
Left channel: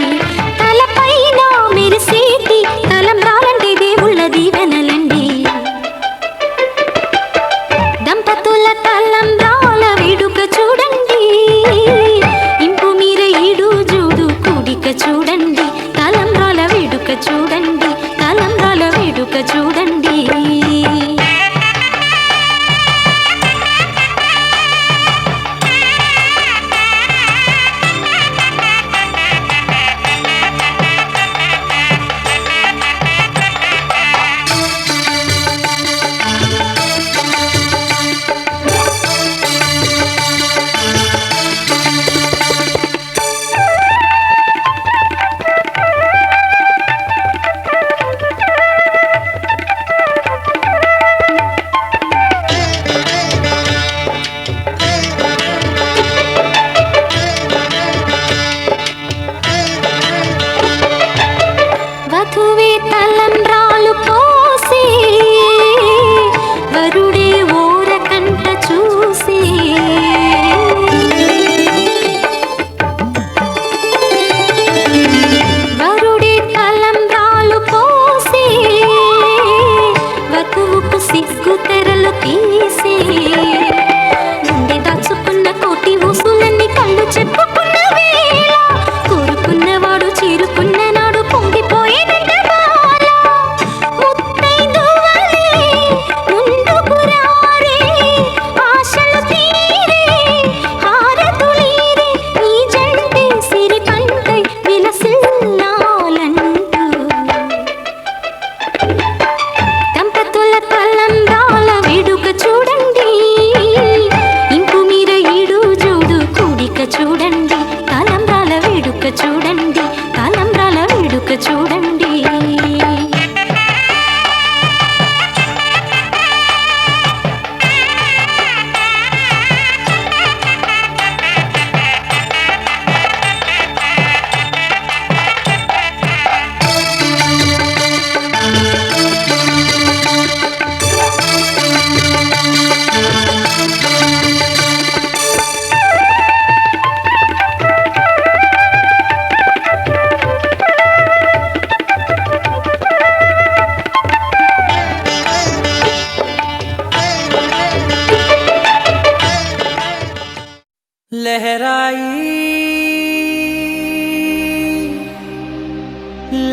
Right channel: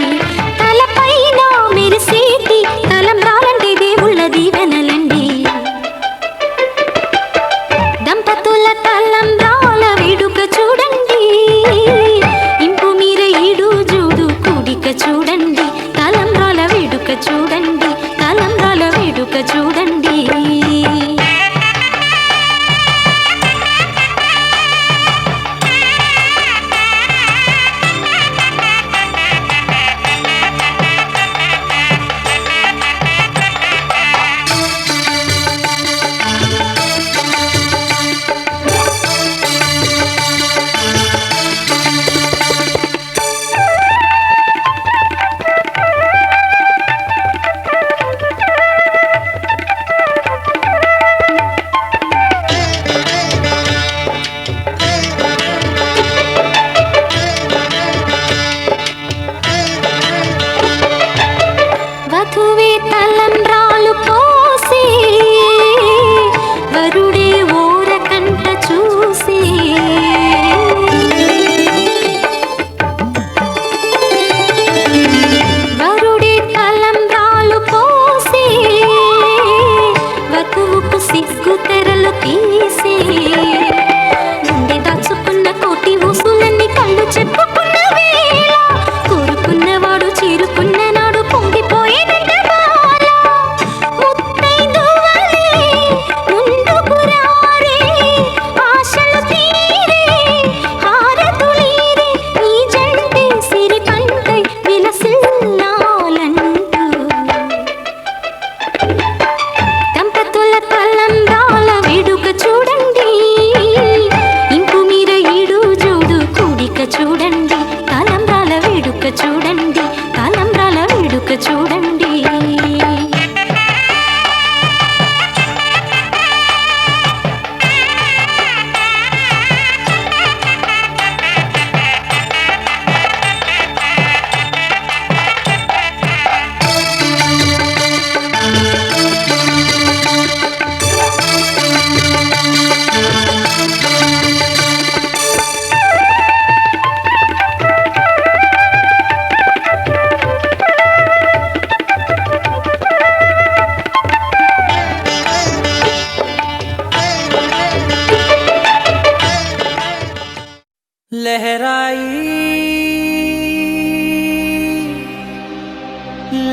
తలపైన మెరిసేటి తలంబ్రాలంటే దేవుళ్ళ దీవెనలండి. దంపతుల తలంబ్రాల వేడుక చూడండి, ఇంపు మీర ఈడు జోడు కూడిక చూడండి. తలంబ్రాల వేడుక చూడండి, తలంబ్రాల వేడుక చూడండి. వధువే తలంబ్రాలు పోసి, వరుడే ఓరకంట చూసి. వరుడే తలంబ్రాలు పోసి, వధువుకు సిగ్గు తెరలు తీసి. గుండె దాచుకున్న కోటి ఊసులన్నీ కళ్ళు చెప్పుకున్న వేళ, కోరుకున్నవాడు చేరుకున్న నాడు పొంగిపోయేదంట బాల. ముత్తైదువలే ముందుకు రారే, ఆశలు తీరే హారతులీరే, ఈ జంటే సిరి పంటై విలసిల్లాలంటూ. దంపతుల తలంబ్రాల వేడుక చూడండి, ఇంపు మీర ఈడు జోడు కూడిక చూడండి. తలంబ్రాల వేడుక చూడండి, తలంబ్రాల వేడుక చూడండి. लहराई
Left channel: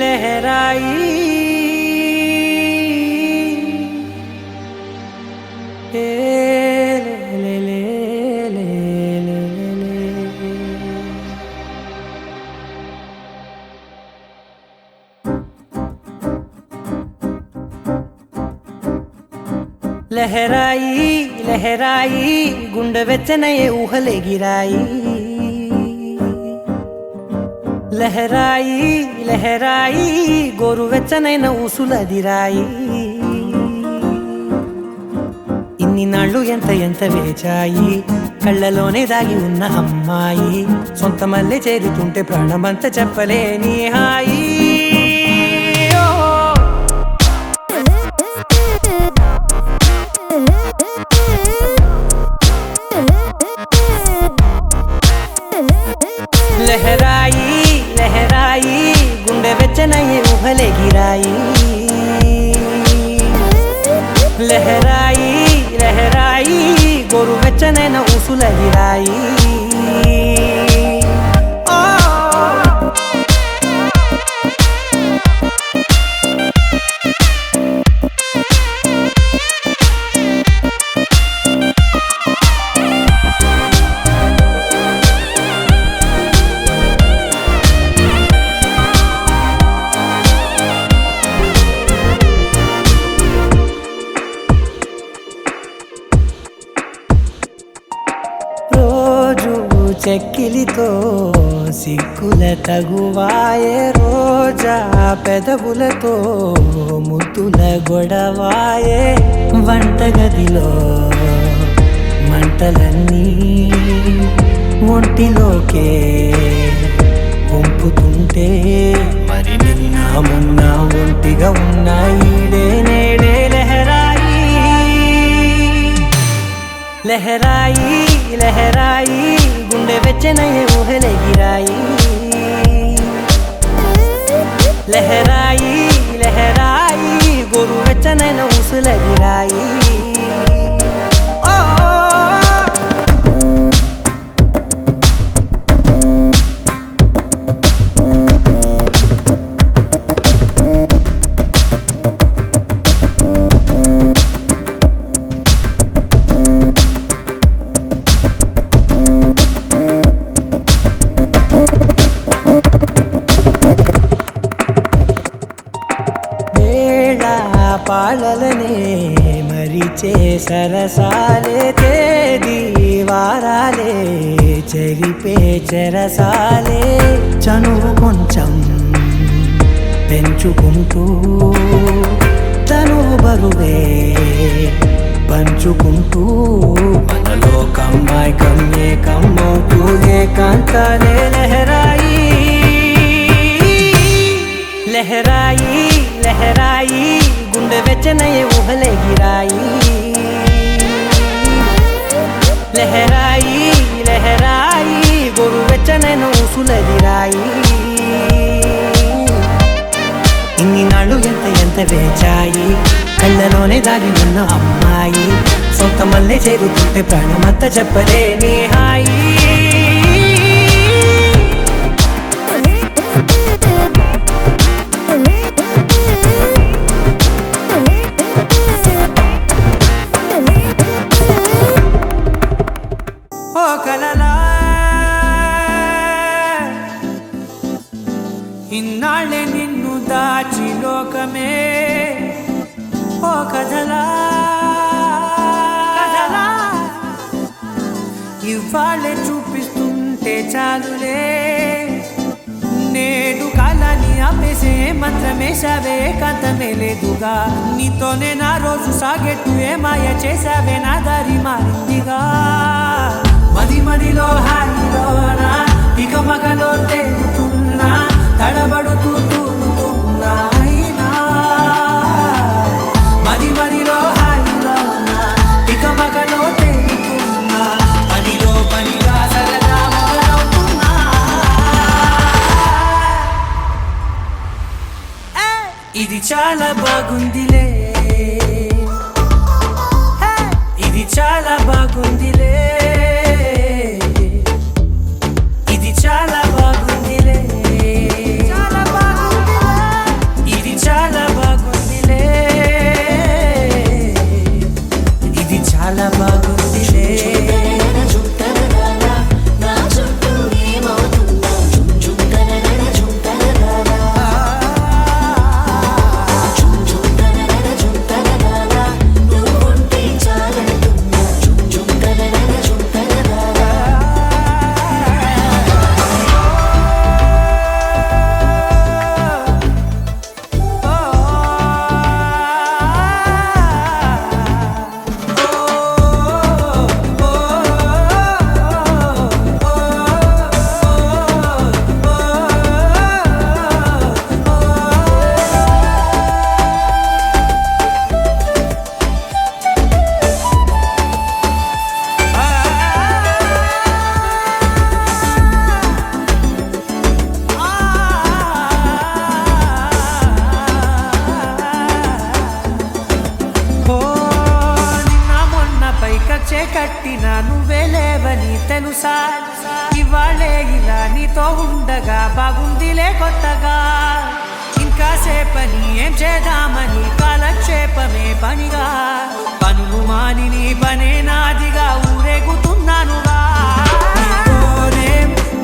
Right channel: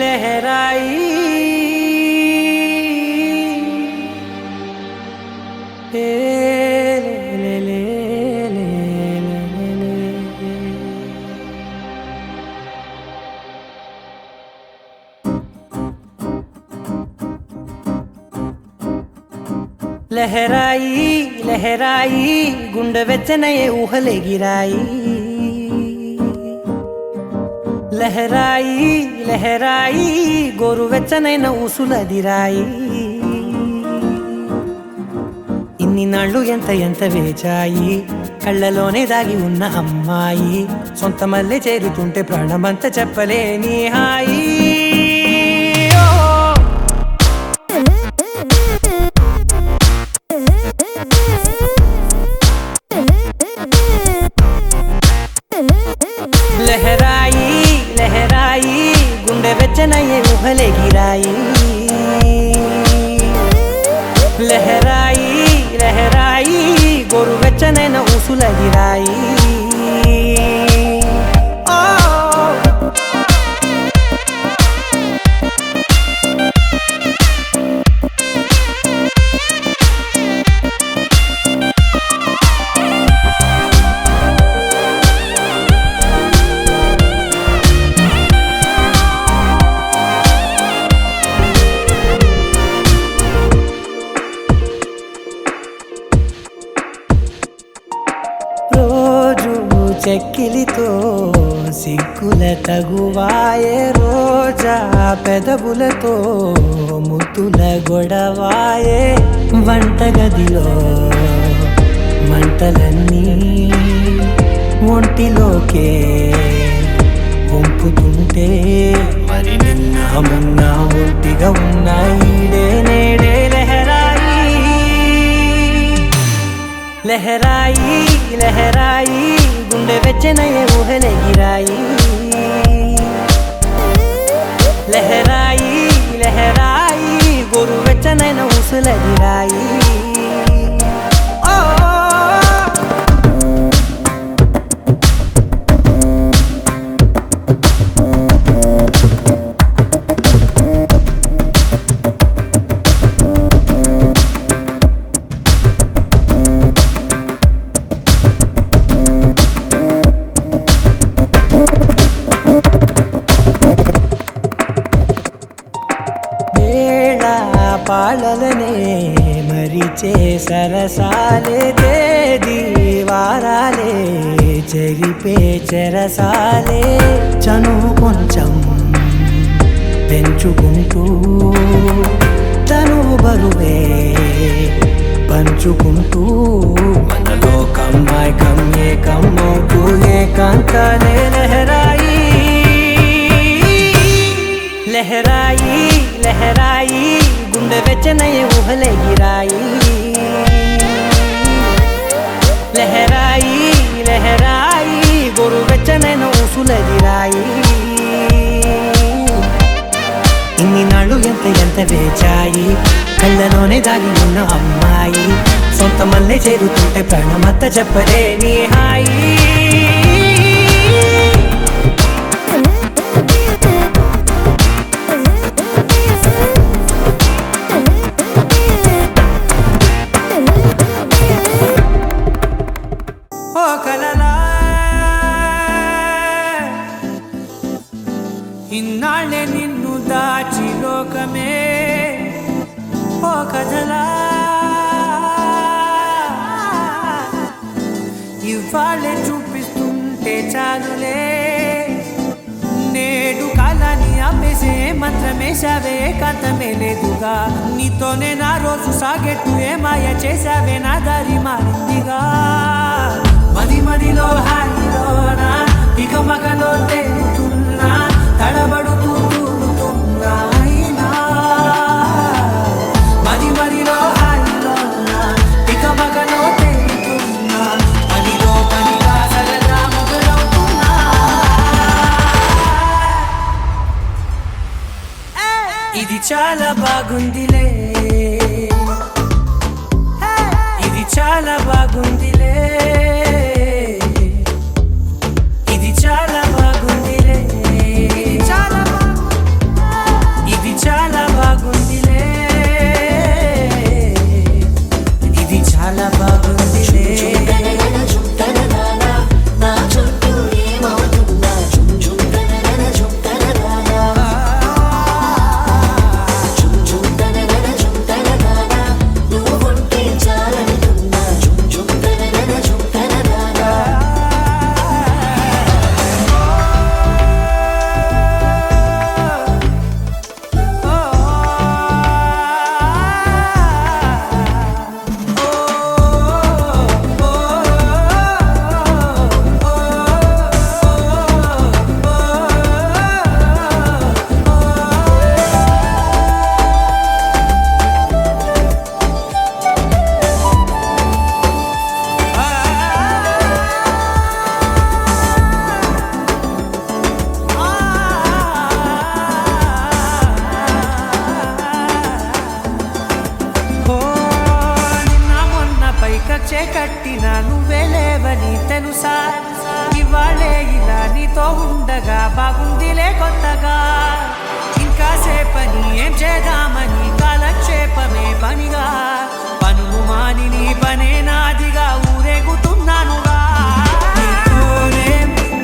लहराई ए ले ले ले ले ले ले लहराई लहराई गुंड వెచ్చనయే ఊహలే గిరాయి లహరాయి లహరాయి గోరు వెచ్చనైన ఊసులదిరాయి ఇన్ని నాళ్ళు ఎంత ఎంత వేచాయి కళ్ళలోనే దాగి ఉన్న అమ్మాయి సొంత మల్లె చేరుతుంటే ప్రాణమంతా చెప్పలేని హాయి लहराई लहराई गुंडे వెచ్చనయే ఊహలే గిరాయి లహరాయి లహరాయి గోరు వెచ్చనైన ఊసులదిరాయి చెక్కిలితో సిగ్గుల తగువాయే రోజా పెదవులతో ముద్దుల గొడవాయే వంటగదిలో మంటలన్నీ ఒంటిలోకే వంపుతుంటే మరి నిన్న మొన్న ఒంటిగా ఉన్న ఈడే నేడే లహరాయి లహరాయి లహరాయి గుండె వెచ్చనయే ఊహలెగిరాయి లహరాయి లహరాయి గోరు వెచ్చనైన ఊసులెగిరాయి పాలలనే మరిచే సరసాలే తేదీ వారాలే చెరిపే చెరసాలే చనువు కొంచెం పెంచుకుంటూ తనువు బరువే పంచుకుంటూ మనలో కమ్మాయికం ఏకమవుతూ ఏకాంతాలే లహరాయి లహరాయి లహరాయి గుండె వెచ్చనయే ఊహలెగిరాయి లహరాయి లహరాయి గోరు వెచ్చనైన ఊసులెగిరాయి ఇన్ని నాళ్ళు ఎంత వేచాయి కళ్ళలోనే దాగి ఉన్న అమ్మాయి సొంత మల్లె చేరుతుంటే ప్రాణమంతా చెప్పలేని హాయి ఇన్నాళ్ళే నిన్ను దాచి లోకమే ఓ కథలా ఇవాళ్ళే చూపిస్తుంటే చాలులే నేడు కాలాన్ని ఆపేసే మంత్రమేశావే కాంతమే లేదుగా నీతోనే నా రోజు సాగెట్టు ఏ మాయ చేశావే నా దారి మారిందిగా మదిలో హాయిలోనా ఇక మగలో తేలుతున్నా తడబడుతూ తూలుతున్నా అయినా మదిలో హాయిలోనా ఇక మగలో తేలుతున్నా పనిగా సరదా మొదలవుతున్నా ఇది చాలా బాగుందిలే ఇది చాలా బాగుందిలే చాలా బాగుందిలే చాలా బాగుందిలే ఇది చాలా బాగుందిలే ఇది చాలా బాగుందిలే కచ్చే కట్టినా నువ్వే లేవని తెలుసా ఇవాళే ఇలా నీతో ఉండగా బాగుందిలే కొత్తగా ఇంకా సేపని ఏం చేద్దామని కాలక్షేపమే పనిగా పనులు మాని నీ పనే నాదిగా ఊరేగుతున్నానుగా నీతోనే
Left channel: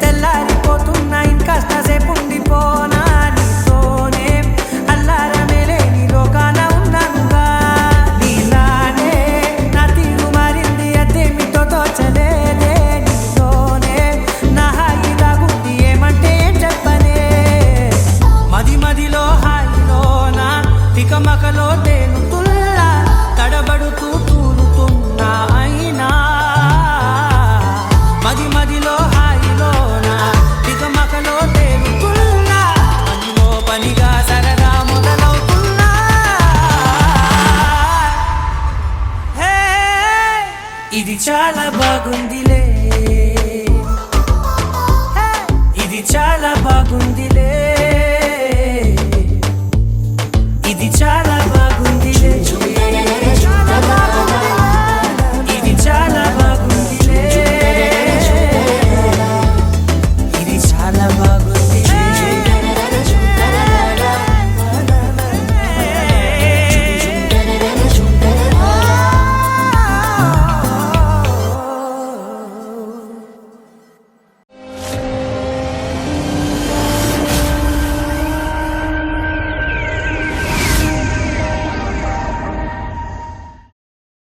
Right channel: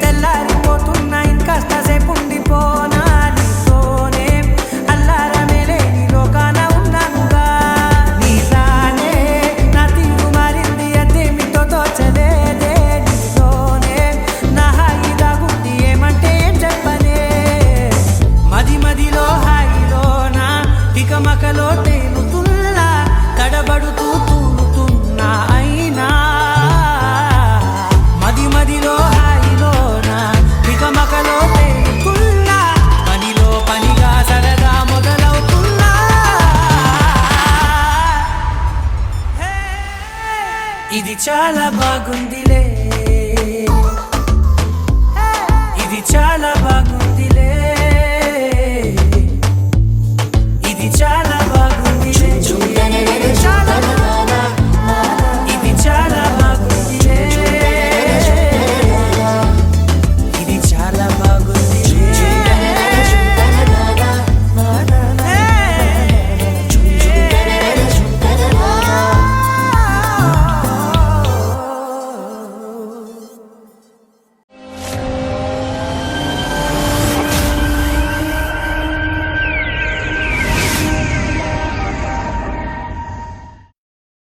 తెల్లారిపోతున్నా ఇంకాస్త సేపు ఉండిపోనా నీతోనే అల్లారమే లేని లోకాన ఉన్నానుగా నీలానే నా తీరు మారింది అదేమిటో తోచలేదే నీతోనే తికమకలో తేలుతున్నా తడబడుతూ తూలుతున్నా అయినా మది మదిలో హాయిలోనా తికమకలో తేలుతున్నా పనిలో పనిగా సరదా మొదలవుతున్నా హే, ఇది చాలా బాగుందిలే ఇది చాలా బాగుందిలే